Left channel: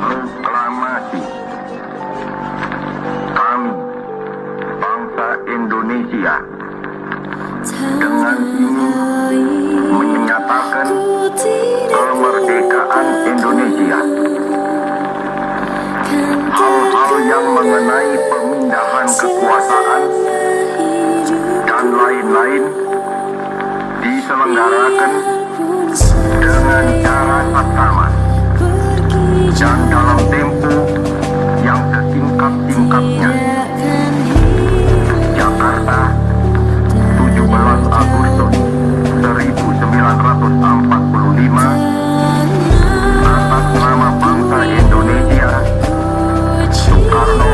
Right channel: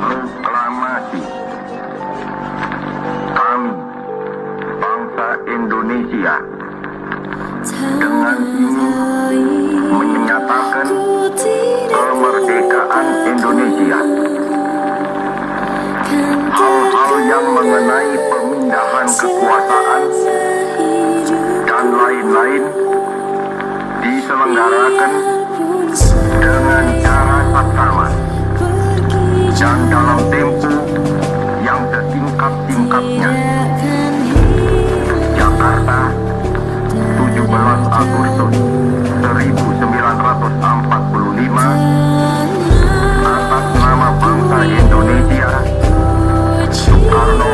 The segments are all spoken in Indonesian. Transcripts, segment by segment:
Proklamasi. Kami, bangsa Indonesia, dengan ini menyatakan kemerdekaan Indonesia. Hal-hal yang mengenai pemindahan kekuasaan dan lain-lain diselenggarakan dengan cara saksama dan dalam tempo yang sesingkat-singkatnya. Jakarta, 17 Agustus 1945, atas nama bangsa Indonesia, Soekarno,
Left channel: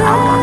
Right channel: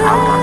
Hatta.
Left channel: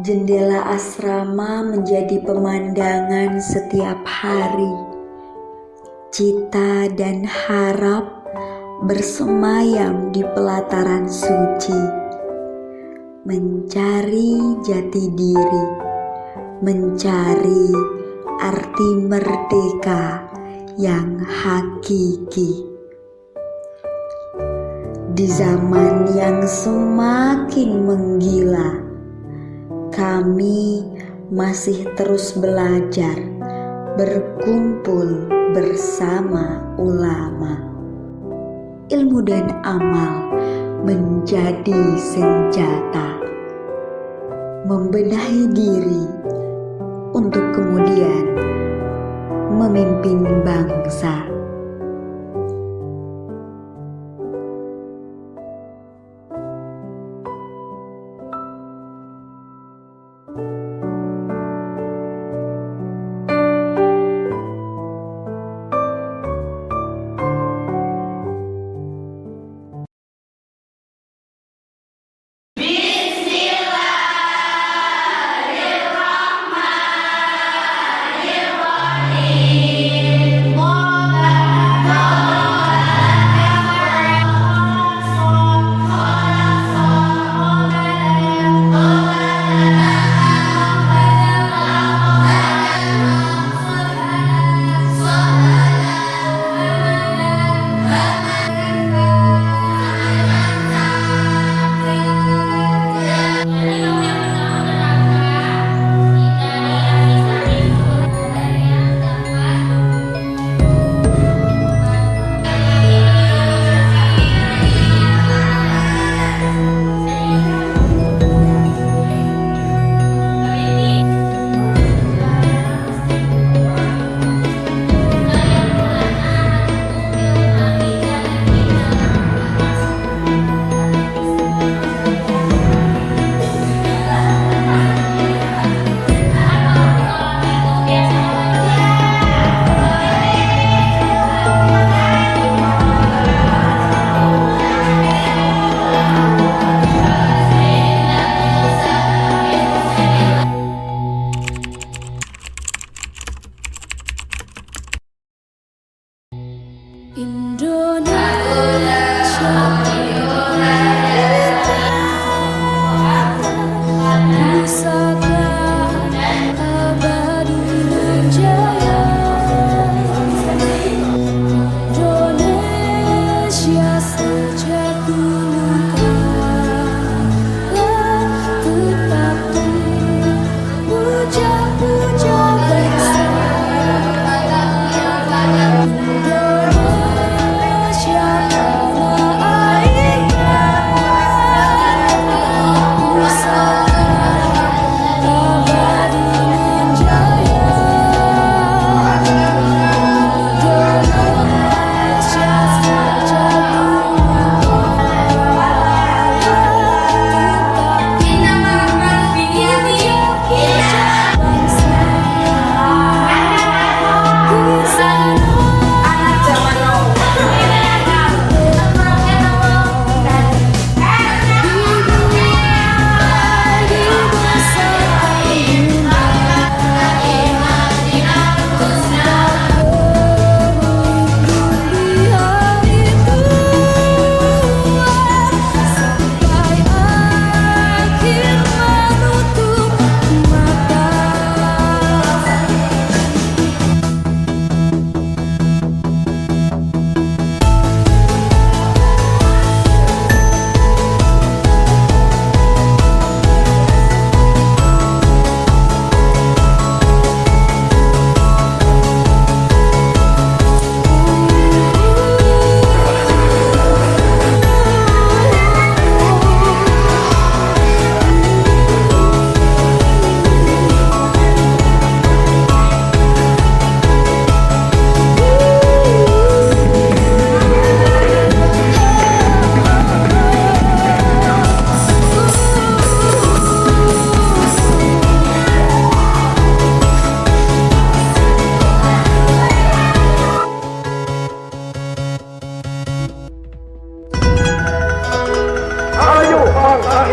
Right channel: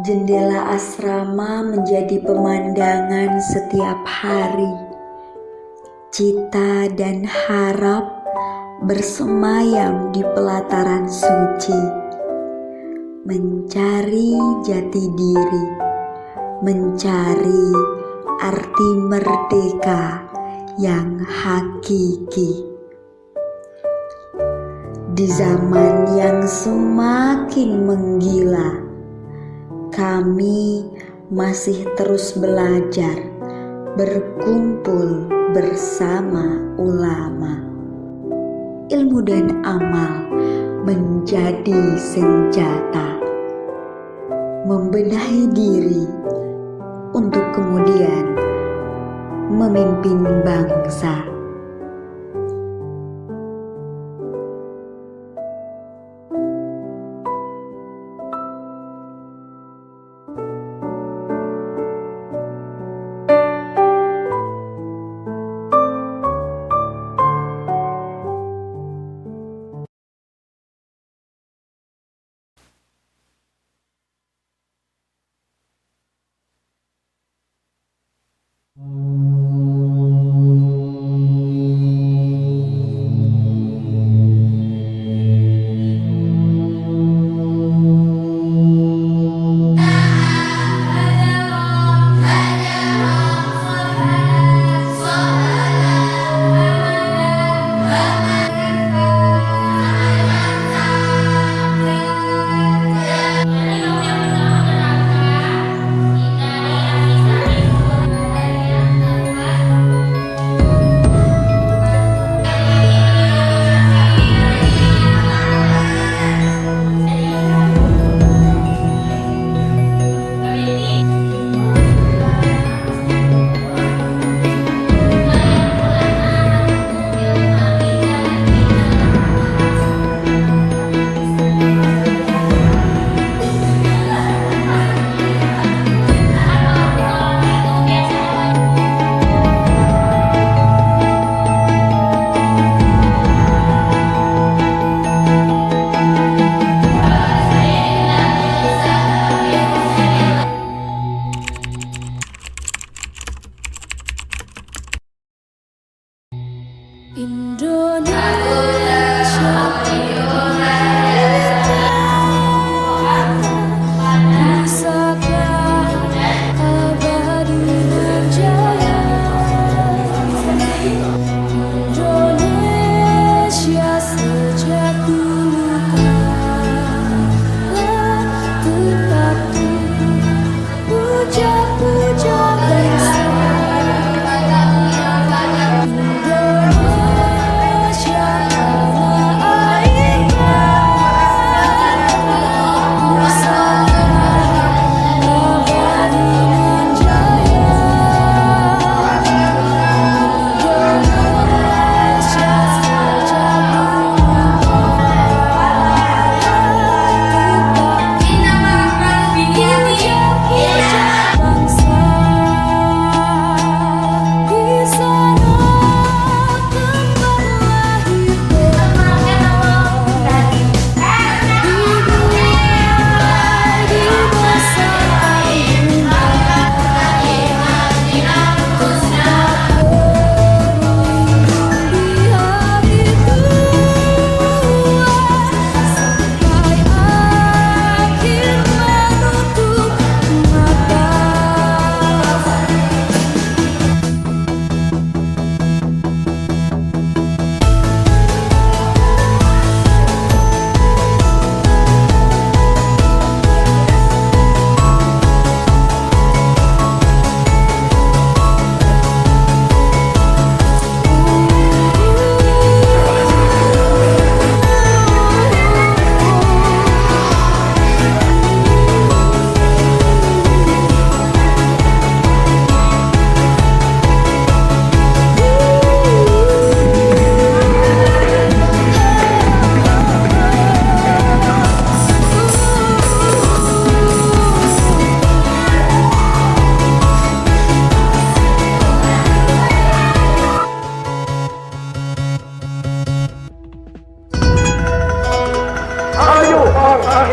Jendela asrama menjadi pemandangan setiap hari. Cita dan harap bersemayam di pelataran suci, mencari jati diri, mencari arti merdeka yang hakiki. Di zaman yang semakin menggila, kami masih terus belajar, berkumpul bersama ulama. Ilmu dan amal menjadi senjata, membenahi diri untuk kemudian memimpin bangsa.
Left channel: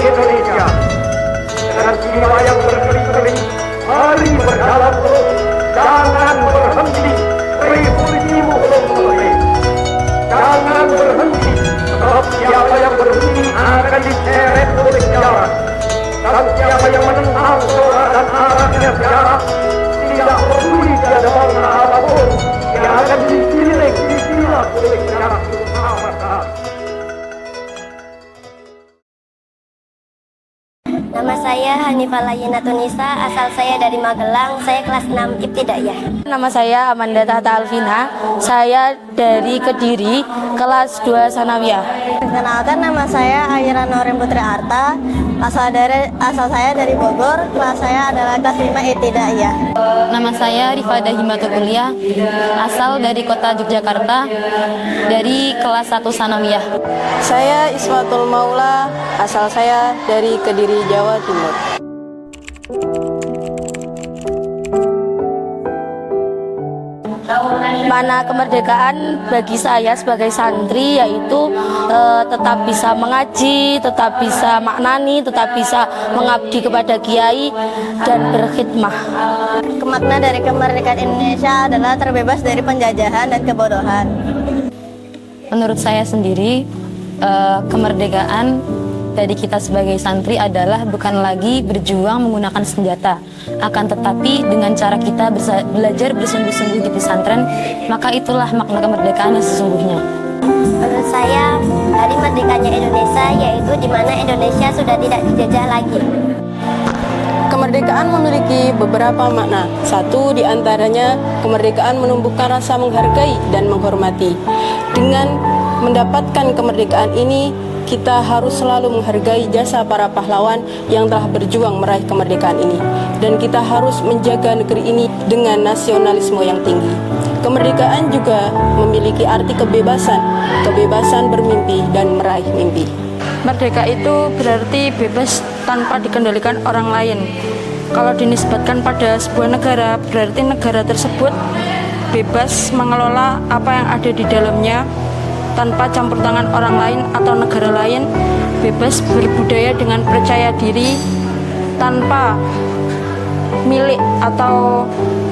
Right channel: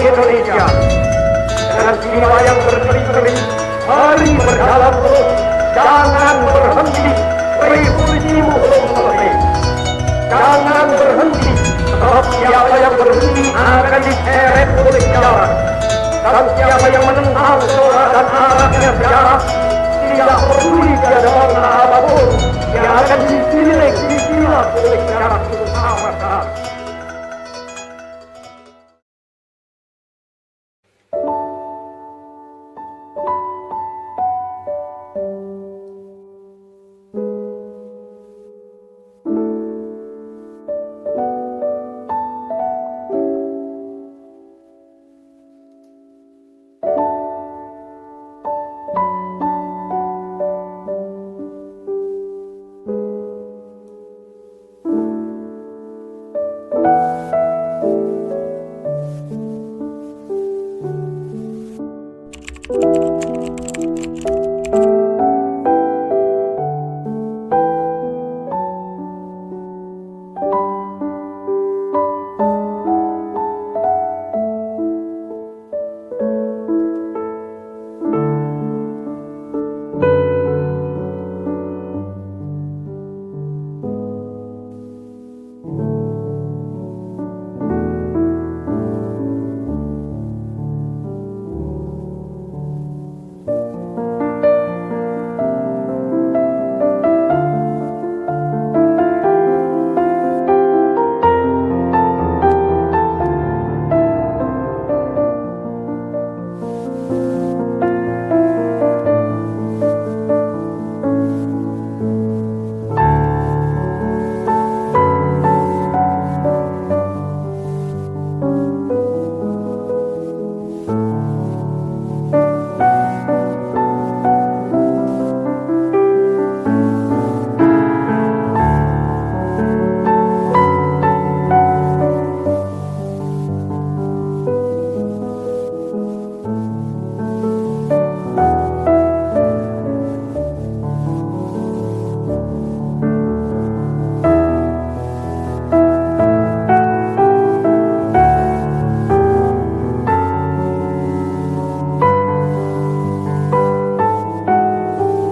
Indonesia. Dengan jiwa yang berkeli-keli, mari berjalan terus, jangan berhenti, revolusimu belum selesai. Jangan berhenti, sebab siapa yang berhenti akan diseret oleh sejarah. Dan siapa yang menentang soal dan arahnya sejarah, tidak peduli tiada bangsa apapun, yang akan disilat oleh sejarah itu sama-sama. Nama saya Hanifah Layina Tunisa, asal saya dari Magelang, saya kelas 6 Ibtidaiyah. Nama saya Amanda Tahta Alvina, saya dari Kediri, kelas 2 Sanawiyah. Perkenalkan, nama saya Ayra Norin Putri Arta, asal saya dari Bogor, kelas saya adalah kelas 5 Ibtidaiyah. Nama saya Rifada Himatul Kuliah, asal dari kota Yogyakarta, dari kelas 1 Sanawiyah. Saya Iswatul Maula, asal saya dari Kediri, Jawa Timur. Mana kemerdekaan bagi saya sebagai santri yaitu tetap bisa mengaji, tetap bisa maknani, tetap bisa mengabdi kepada kiai dan berkhidmah. Makna dari kemerdekaan Indonesia adalah terbebas dari penjajahan dan kebodohan. Menurut saya sendiri, kemerdekaan dari kita sebagai santri adalah bukan lagi berjuang menggunakan senjata, akan tetapi dengan cara kita belajar bersungguh-sungguh di pesantren, maka itulah makna kemerdekaan yang sesungguhnya. Menurut saya, hari merdekanya Indonesia yaitu di mana Indonesia sudah tidak dijajah lagi. Kemerdekaan memiliki beberapa makna. Satu di antaranya, kemerdekaan menumbuhkan rasa menghargai dan menghormati. Dengan mendapatkan kemerdekaan ini, kita harus selalu menghargai jasa para pahlawan yang telah berjuang meraih kemerdekaan ini. Dan kita harus menjaga negeri ini dengan nasionalisme yang tinggi. Kemerdekaan juga memiliki arti kebebasan, kebebasan bermimpi dan meraih mimpi. Merdeka itu berarti bebas tanpa dikendalikan orang lain. Kalau dinisbatkan pada sebuah negara, berarti negara tersebut bebas mengelola apa yang ada di dalamnya tanpa campur tangan orang lain atau negara lain, bebas berbudaya dengan percaya diri tanpa milik atau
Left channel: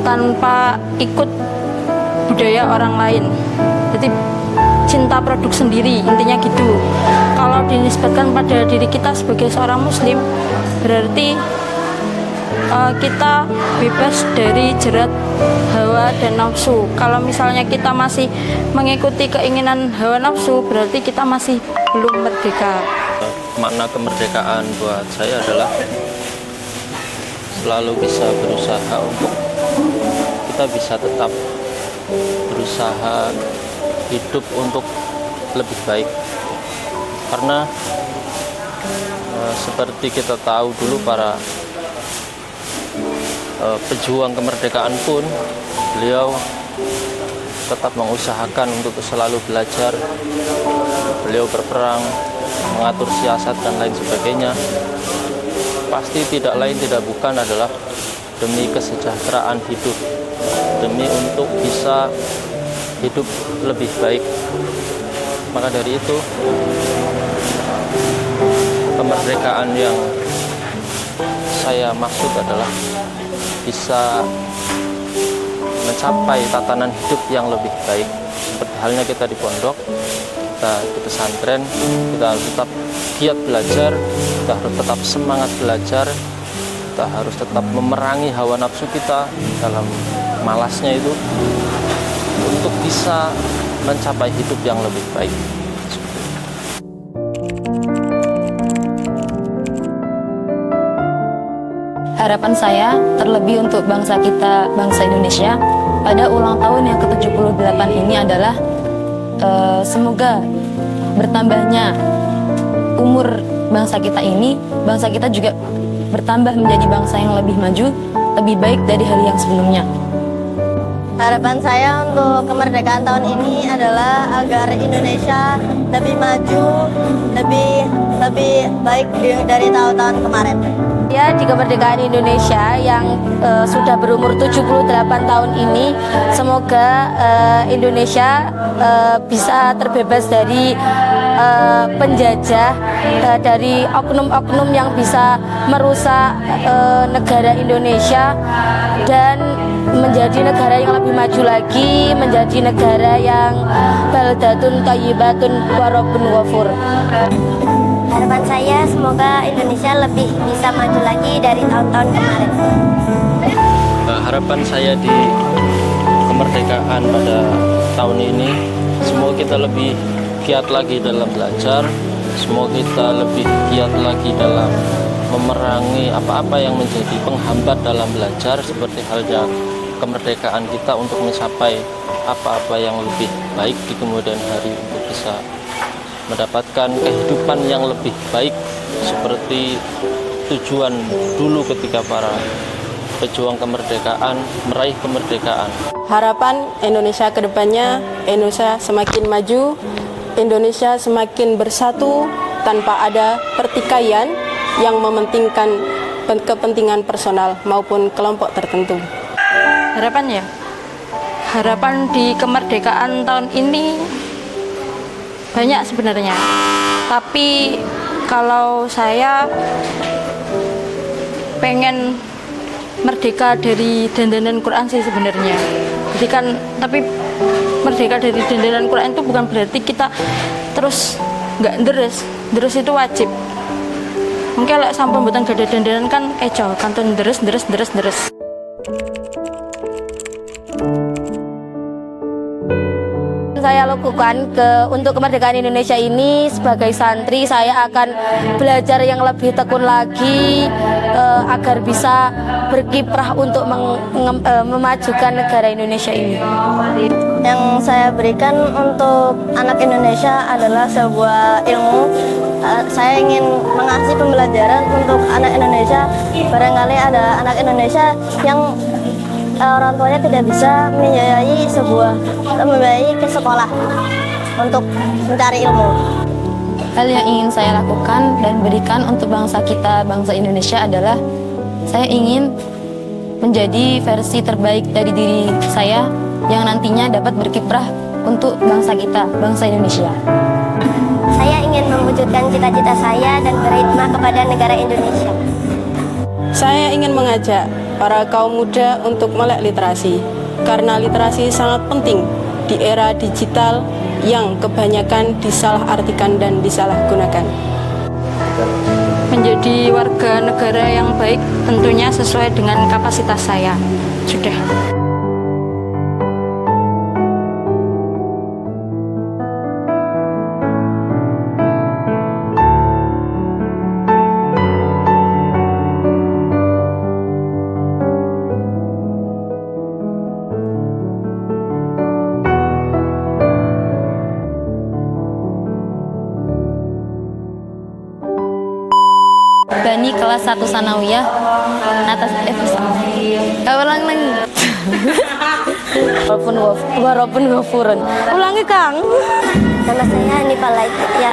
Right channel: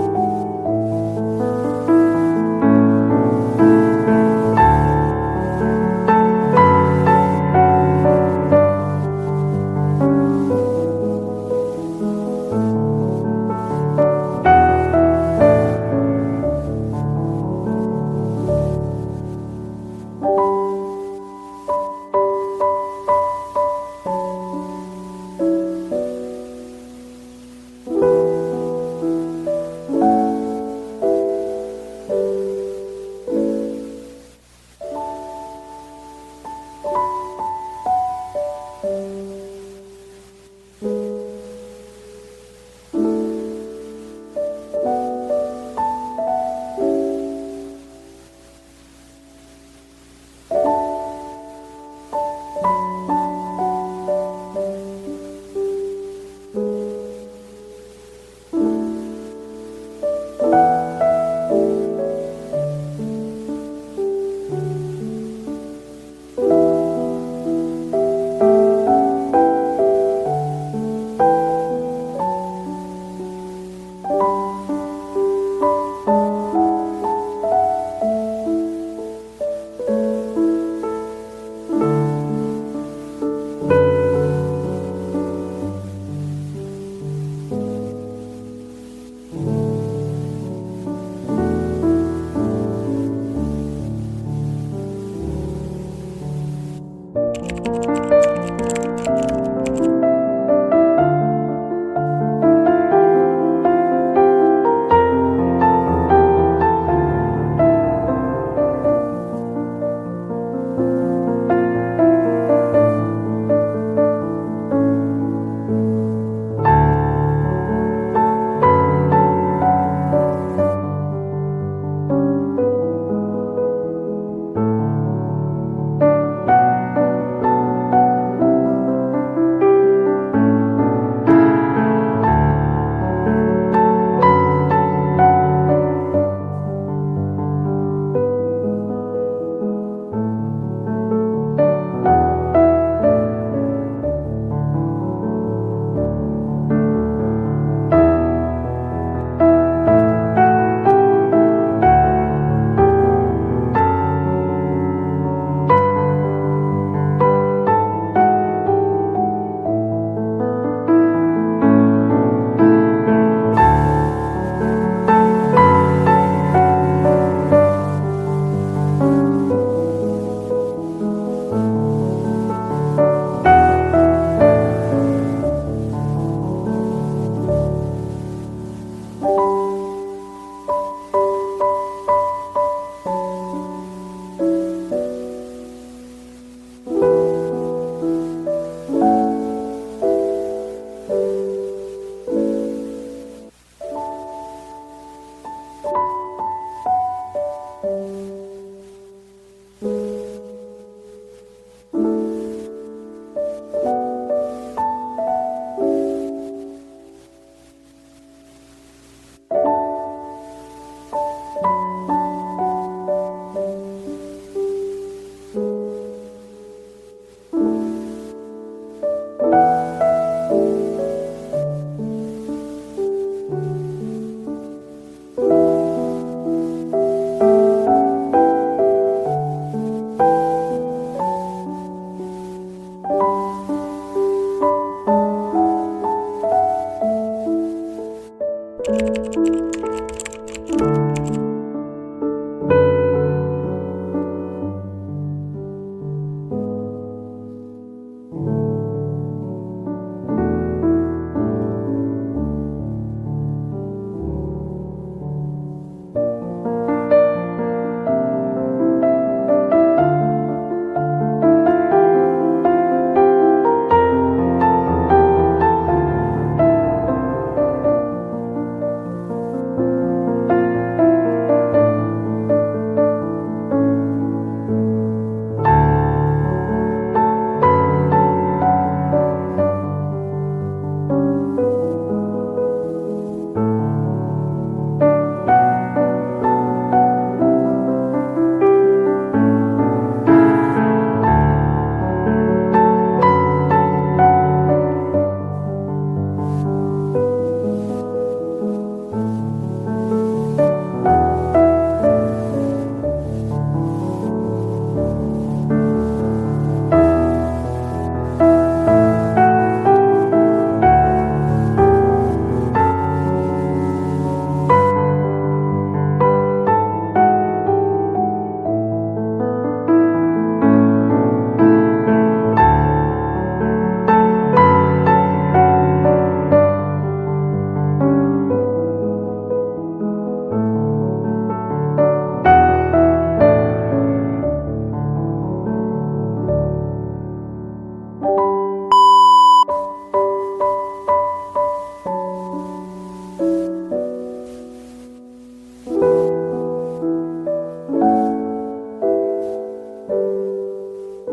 tanpa ikut budaya orang lain. Jadi cinta produk sendiri, intinya gitu. Kalau dinisbatkan pada diri kita sebagai seorang muslim, berarti kita bebas dari jerat hawa dan nafsu. Kalau misalnya kita masih mengikuti keinginan hawa nafsu, berarti kita masih belum merdeka. Makna kemerdekaan buat saya adalah selalu bisa berusaha untuk kita bisa tetap berusaha hidup untuk lebih baik. Karena seperti kita tahu dulu para pejuang kemerdekaan pun beliau tetap mengusahakan untuk selalu belajar. Beliau berperang, mengatur siasat dan lain sebagainya. Pasti tidak lain tidak bukan adalah demi kesejahteraan hidup, demi untuk bisa hidup lebih baik. Maka dari itu kemerdekaan yang saya maksud adalah bisa mencapai tatanan hidup yang lebih baik. Seperti halnya kita di pondok, kita di pesantren, kita harus tetap giat belajar, kita harus tetap semangat belajar, kita harus tetap memerangi hawa nafsu kita dalam malasnya itu untuk bisa mencapai hidup yang lebih baik. Harapan saya terlebih untuk bangsa kita, bangsa Indonesia, pada ulang tahun yang ke-78 ini adalah semoga bertambahnya umur bangsa kita ini, bangsa kita juga bertambah menjadi bangsa yang lebih maju, lebih baik dari hari yang sebelumnya. Harapan saya untuk kemerdekaan tahun ini adalah agar Indonesia lebih maju, lebih lebih baik dari tahun-tahun kemarin. Ya, di kemerdekaan Indonesia yang sudah berumur 78 tahun ini, semoga Indonesia bisa terbebas dari penjajah, dari oknum-oknum yang bisa merusak negara Indonesia, dan menjadi negara yang lebih maju lagi, menjadi negara yang baldatun thayyibatun warabun ghafur. Harapan saya semoga Indonesia lebih bisa maju lagi dari tahun-tahun kemarin. Harapan saya di kemerdekaan pada tahun ini, semoga kita lebih giat lagi dalam belajar, semoga kita lebih giat lagi dalam memerangi apa-apa yang menjadi penghambat dalam belajar, seperti halnya kemerdekaan kita untuk mencapai apa-apa yang lebih baik di kemudian hari, untuk bisa mendapatkan kehidupan yang lebih baik seperti tujuan dulu ketika para pejuang kemerdekaan meraih kemerdekaan. Harapan Indonesia ke depannya, Indonesia semakin maju, Indonesia semakin bersatu tanpa ada pertikaian yang mementingkan kepentingan personal maupun kelompok tertentu. Harapan di kemerdekaan tahun ini banyak sebenarnya, tapi kalau saya pengen merdeka dari dandanan Quran sih sebenarnya. Jadi kan, tapi merdeka dari dandanan Quran itu bukan berarti kita terus nggak deres itu wajib. Mungkin kalau sampun mboten gada dandanan kan eco kantun deres. Saya lakukan untuk kemerdekaan Indonesia ini sebagai santri, saya akan belajar yang lebih tekun lagi agar bisa berkiprah untuk memajukan negara Indonesia ini. Yang saya berikan untuk anak Indonesia adalah sebuah ilmu. Saya ingin mengasih pembelajaran untuk anak Indonesia. Barangkali ada anak Indonesia yang orang tuanya tidak bisa membiayai ke sekolah untuk mencari ilmu. Hal yang ingin saya lakukan dan berikan untuk bangsa kita, bangsa Indonesia adalah saya ingin menjadi versi terbaik dari diri saya yang nantinya dapat berkiprah untuk bangsa kita, bangsa Indonesia. Saya ingin mewujudkan cita-cita saya dan berkhidmat kepada negara Indonesia. Saya ingin mengajak para kaum muda untuk melek literasi, karena literasi sangat penting di era digital yang kebanyakan disalahartikan dan disalahgunakan. Menjadi warga negara yang baik tentunya sesuai dengan kapasitas saya. Sudah. Bani kelas 1 Sanawiyah atas ulang lagi. Walaupun ghafurun. Ulangi, Kang. Nama saya Hanifah Laiti. Ya.